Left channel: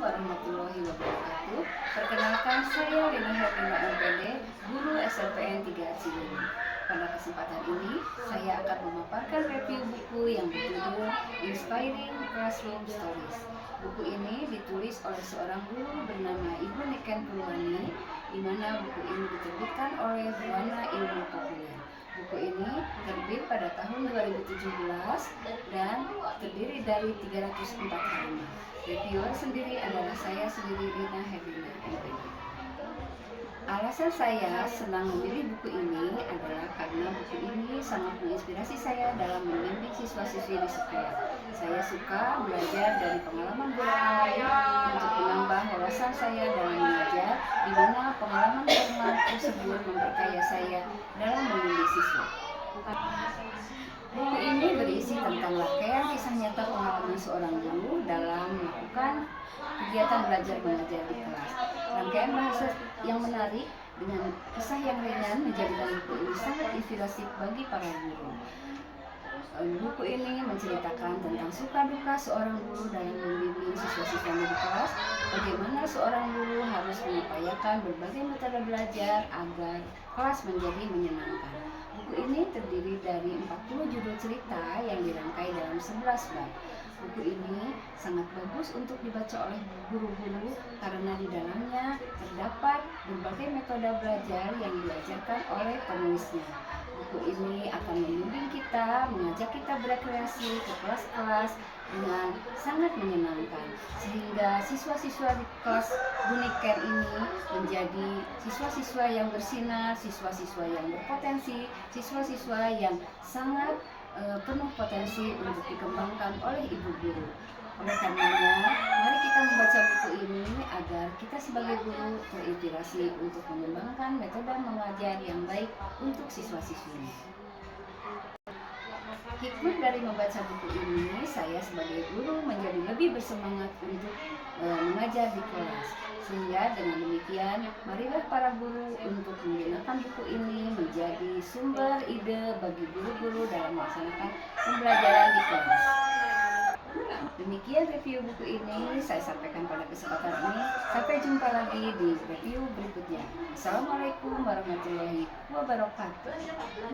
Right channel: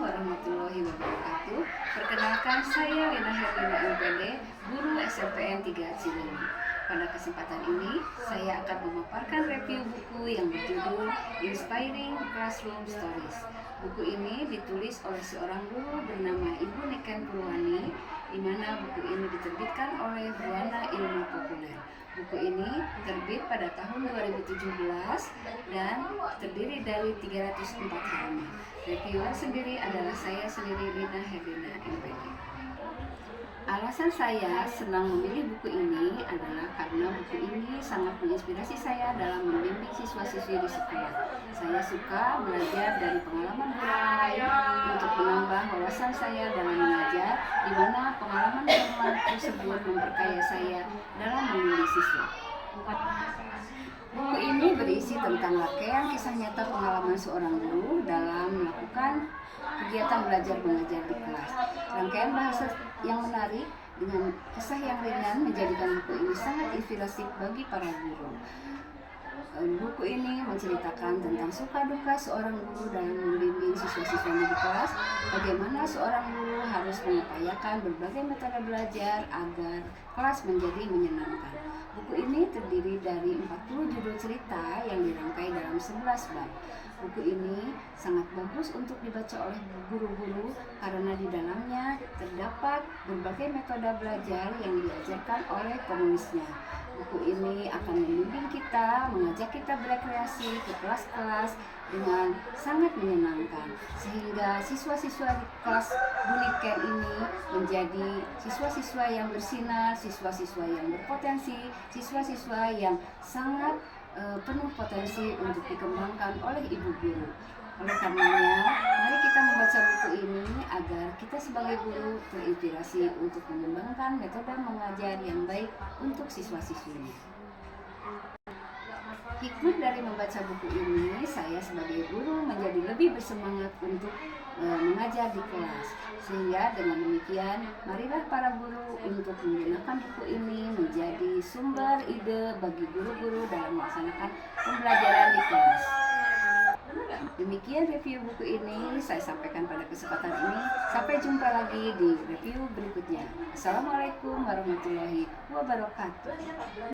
warahmatullahi wabarakatuh. Perkenalkan, saya Lina Herlina MPD, guru SMPN 3 Cileunyi. Pada kesempatan ini, saya akan memaparkan review buku yang berjudul Inspiring Classroom Stories. Buku ini ditulis oleh seorang guru bernama Ibu Niken Purwani, di mana buku ini diterbitkan oleh Buana Ilmu Populer. Buku ini terbit pada tahun 2017 dan terdiri dari 304 halaman. Reviewer sendiri adalah saya sendiri, Lina Herlina MPD. Alasan saya senang memilih buku ini adalah karena buku ini sangat menginspirasi saya dalam membimbing siswa-siswi di sekolah. Saya suka belajar dari pengalaman guru lain untuk menambah wawasan saya dalam mengajar, di mana pengalaman tersebut memperkaya saya dalam membimbing siswa. Buku ini berisi tentang rangkaian kisah nyata pengalaman seorang guru dalam melakukan kegiatan belajar mengajar di kelas. Rangkaian bahasa yang menarik dengan kisah yang ringan menjadikan buku ini sangat inspiratif bagi para guru. Buku ini menceritakan tentang suka duka seorang guru dalam membimbing siswa-siswanya di kelas, bagaimana seorang guru harus mengupayakan berbagai metode belajar agar kelas menjadi menyenangkan. Buku ini terdiri dari 40 judul cerita yang dirangkai dalam 11 bab. Buku ini sangat bagus untuk dibaca oleh guru-guru karena di dalamnya terdapat berbagai metode belajar yang diajarkan oleh penulisnya. Buku ini akan membimbing kita, mengajak kita berekreasi ke kelas-kelas dengan sangat menyenangkan, sehingga siswa-siswa di kelas Bu Niken ini menjadi siswa-siswa yang bersinar, siswa-siswa yang berpotensi, siswa-siswa yang sangat penuh potensi untuk dikembangkan oleh ibu guru. Oleh karenanya, mari kita membaca buku ini agar kita sebagai guru terinspirasi untuk mengembangkan metode mengajar yang baik untuk siswa-siswinya. Hikmah dari membaca buku ini, saya sebagai guru menjadi lebih bersemangat untuk mengajar di kelas. Sehingga dengan demikian, marilah para guru untuk menggunakan buku ini menjadi sumber ide bagi guru-guru dalam melaksanakan pembelajaran di kelas. Demikian review buku ini saya sampaikan pada kesempatan ini. Sampai jumpa lagi di review berikutnya. Assalamualaikum warahmatullahi wabarakatuh.